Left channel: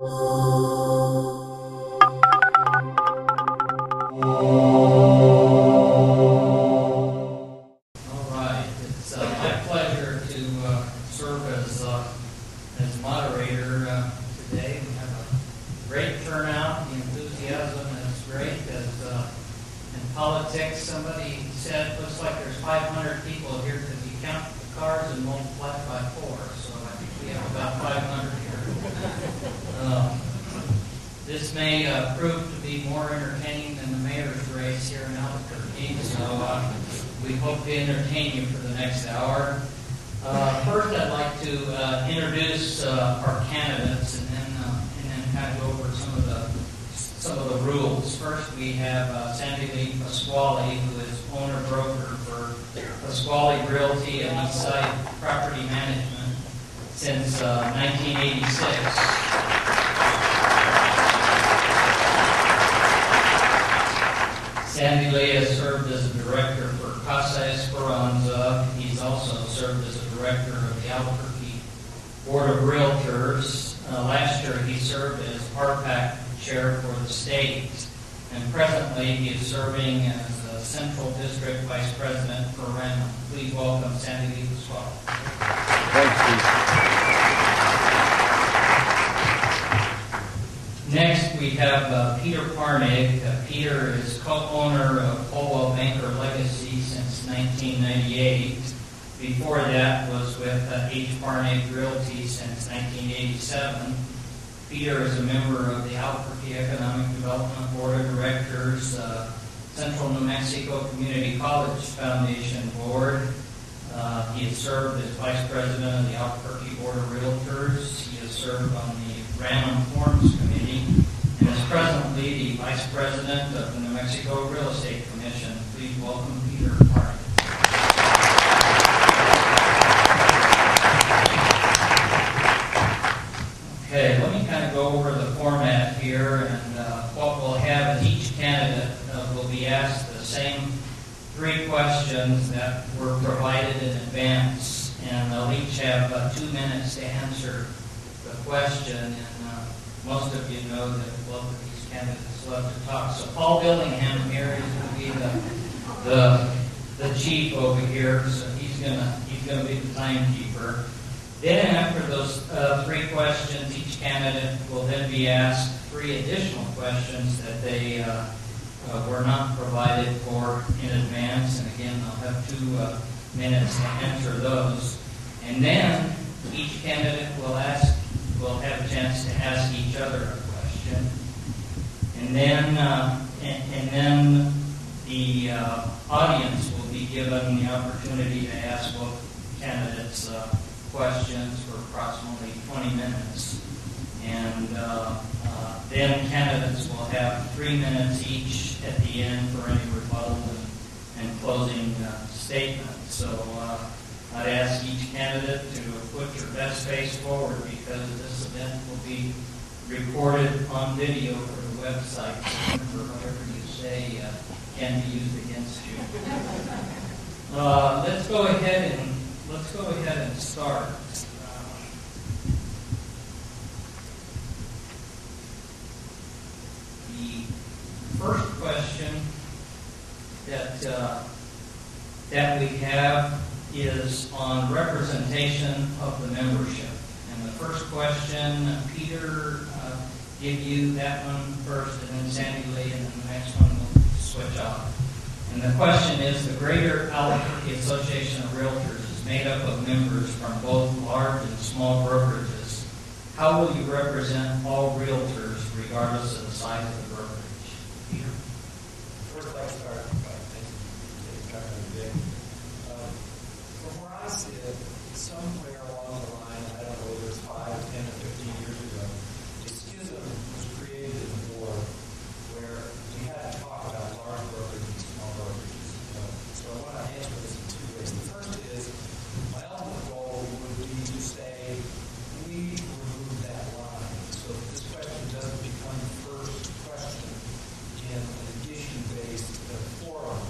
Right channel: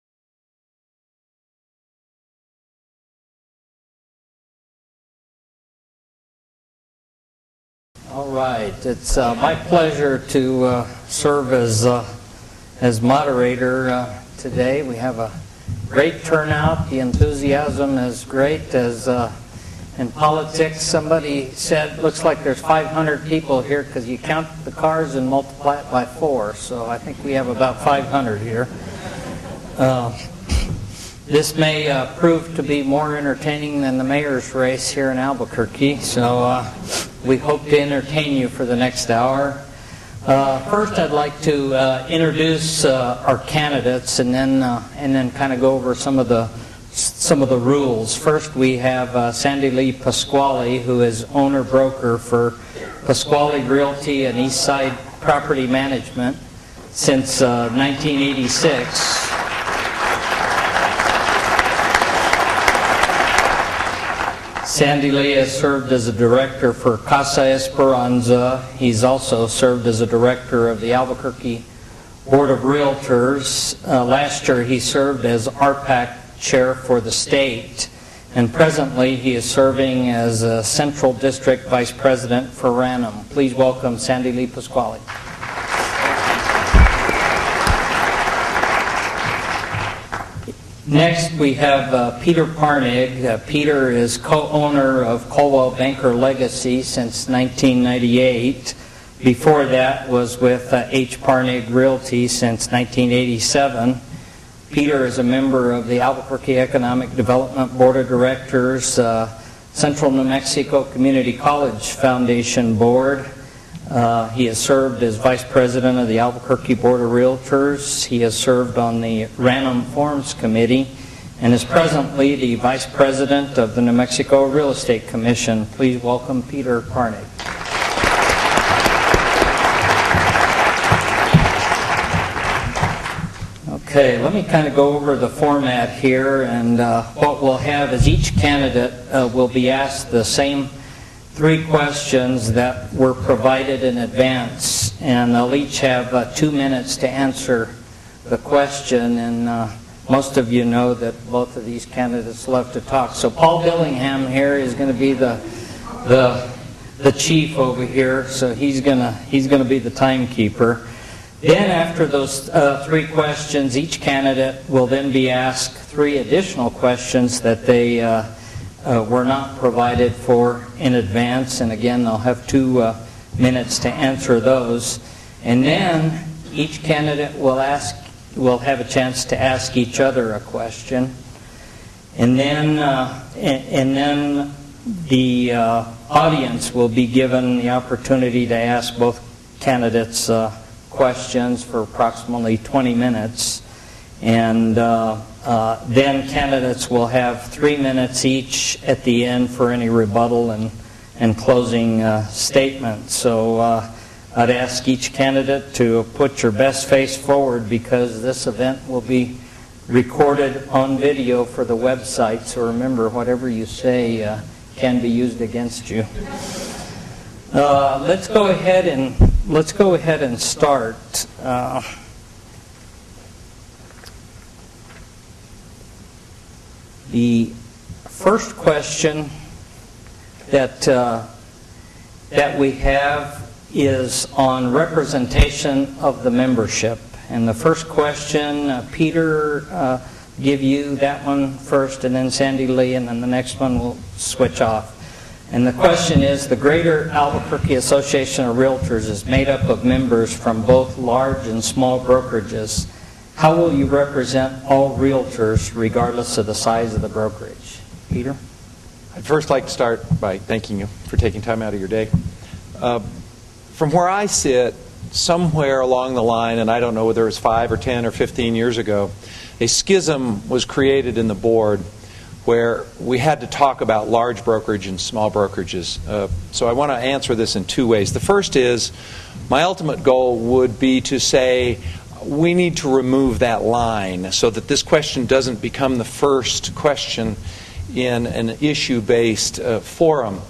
It's my pleasure to serve as moderator today. We have a great turnout. The enthusiasm is great. As in politics, somebody said, looks like there's 500 people here because you count the cars and multiply it by 4. So I think we have about 500 here. This may prove to be more entertaining than the mayor's race here in Albuquerque, so we hope to entertain you for the next hour. First, I'd like to introduce our candidates, and then kind of go over some of the rules. First, we have Sandy Lee Pasquale, who is owner-broker for Pasquale Realty and Eastside Property Management since 1986. Sandy Lee has served as a director for Casa Esperanza. He's also served as a director of the Albuquerque Board of Realtors. Last year he served as RPAC chair for the state. And presently he is serving as a Central District Vice President for Ranum. Please welcome Sandy Lee Pasquale. Next, we have Peter Parneg. Peter is co-owner of Colwell Banker Legacy since 1998. Before that was with H. Parneg Realty since 1987. Peter is a member of the Albuquerque Economic Development Board of Directors, Central New Mexico Community College Foundation Board. He has served as Vice President of the Albuquerque Board of Realtors. He has served on the Ranum Forms Committee and is presently the Vice President of the New Mexico Real Estate Commission. Please welcome Peter Parneg. Okay, let me kind of go over the format here, and what we'll have is each candidate will be asked the same 3 questions that were provided in advance, and they'll each have 2 minutes to answer the question, and most of you know that both of these candidates love to talk. So Paul Billingham here is going to be the chief over here, so he's going to be the timekeeper. Then after those 3 questions, each candidate will then be asked 3 additional questions that they were not provided for in advance, and again they'll have 2 minutes to answer those. And then each candidate will have a chance to ask each other a question, and then the audience will be given the opportunity to ask both candidates questions for approximately 20 minutes, and then candidates will have 3 minutes each at the end for any rebuttal and closing statements. So I'd ask each candidate to put your best face forward, because this event will be recorded on video for the website. So remember, whatever you say can be used against you. Let's go ahead and start. The first question that we have is on representation of the membership. And the first question, Peter, give you that one first, and then Sandy Lee, and then the next one will switch off. And the question is, the Greater Albuquerque Association of Realtors is made up of members from both large and small brokerages. How will you represent all realtors regardless of the size of the brokerage? Peter? I'd first like to start by thanking you for taking time out of your day. From where I sit, somewhere along the line, and I don't know whether it was 5 or 10 or 15 years ago, a schism was created in the board where we had to talk about large brokerage and small brokerages. So I want to answer this in 2 ways. The first is, my ultimate goal would be to say, we need to remove that line so that this question doesn't become the first question in an issue-based forum.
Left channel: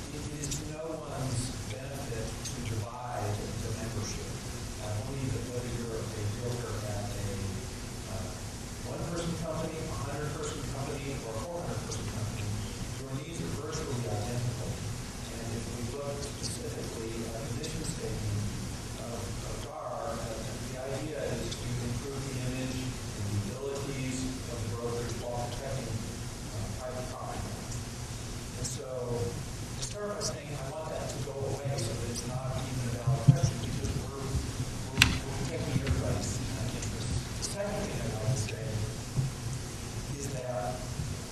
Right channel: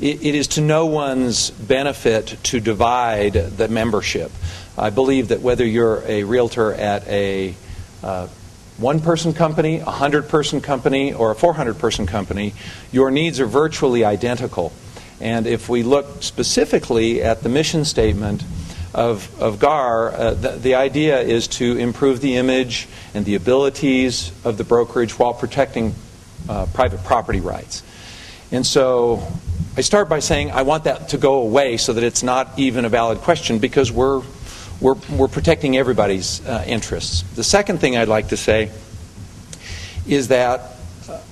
It is to no one's benefit to divide the membership. I believe that whether you're a realtor at a one-person company, a 100-person company, or a 400-person company, your needs are virtually identical. And if we look specifically at the mission statement of Gaar, the idea is to improve the image and the abilities of the brokerage while protecting private property rights. And so I start by saying I want that to go away so that it's not even a valid question, because we're protecting everybody's interests. The second thing I'd like to say is that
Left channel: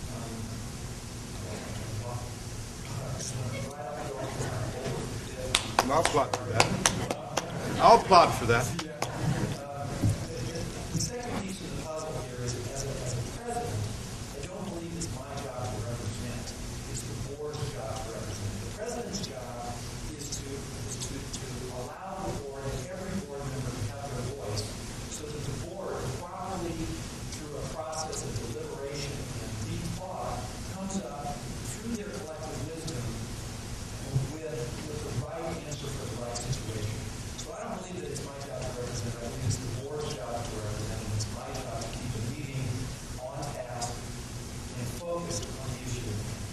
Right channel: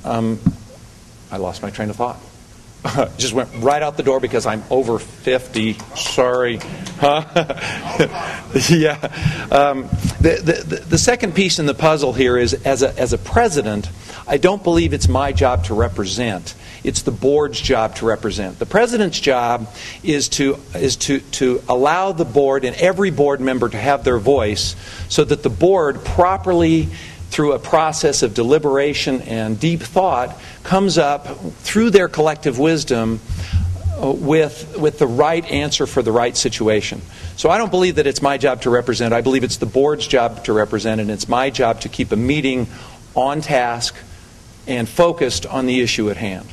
I lost my train of thought. Just went right out the door because I'm over 50. Sorry. Huh? I'll spot for that. Yeah. The second piece in the puzzle here is, as a president, I don't believe it's my job to represent. It's the board's job to represent. The president's job is to allow the board and every board member to have their voice, so that the board properly, through a process of deliberation and deep thought, comes up through their collective wisdom with the right answer for the right situation. So I don't believe that it's my job to represent. I believe it's the board's job to represent, and it's my job to keep a meeting on task and focused on the issue at hand.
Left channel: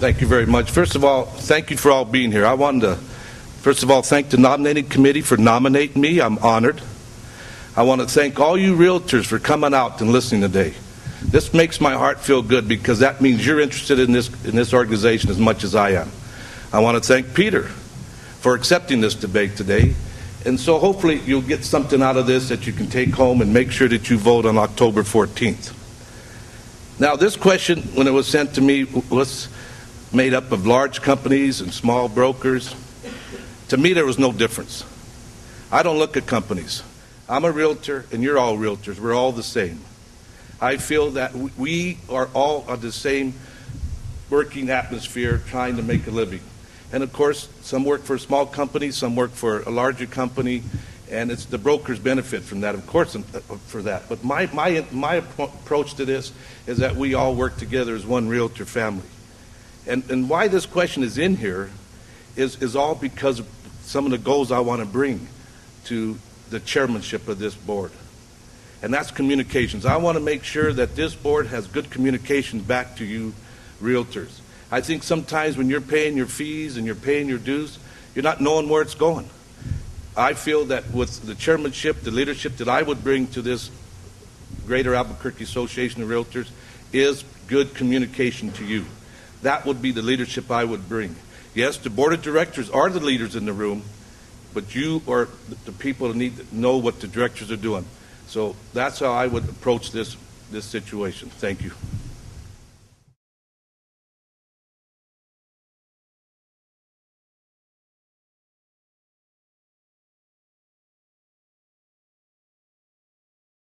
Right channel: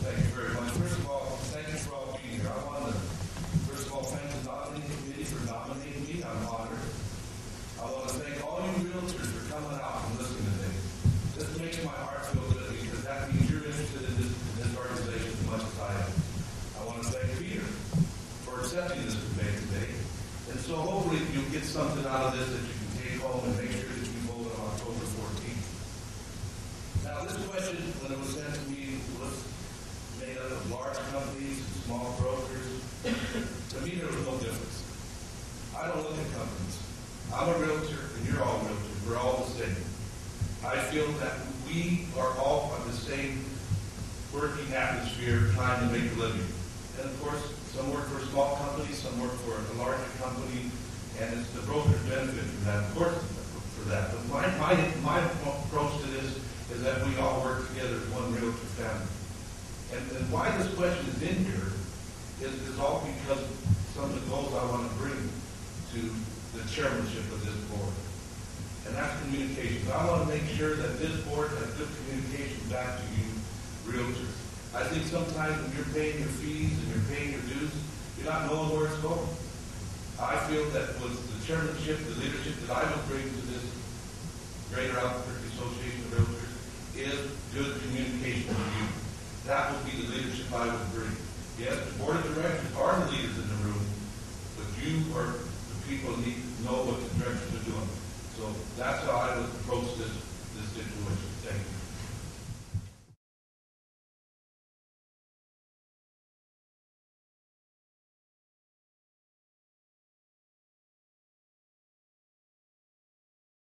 Thank you very much. First of all, thank you for all being here. I wanted to, first of all, thank the nominating committee for nominating me. I'm honored. I want to thank all you realtors for coming out and listening today. This makes my heart feel good, because that means you're interested in this organization as much as I am. I want to thank Peter for accepting this debate today. And so hopefully you'll get something out of this that you can take home and make sure that you vote on October 14th. Now, this question, when it was sent to me, was made up of large companies and small brokers. To me, there was no difference. I don't look at companies. I'm a realtor, and you're all realtors. We're all the same. I feel that we are all on the same working atmosphere, trying to make a living. And of course, some work for a small company, some work for a larger company, and it's the brokers benefit from that, of course, for that. But my approach to this is that we all work together as one realtor family. And why this question is in here is all because of some of the goals I want to bring to the chairmanship of this board. And that's communications. I want to make sure that this board has good communication back to you realtors. I think sometimes when you're paying your fees and you're paying your dues, you're not knowing where it's going. I feel that with the chairmanship, the leadership that I would bring to this Greater Albuquerque Association of Realtors is good communication to you. That would be the leadership I would bring. Yes, the board of directors are the leaders in the room, but you are the people that need to know what the directors are doing. So that's how I would approach this situation. Thank you.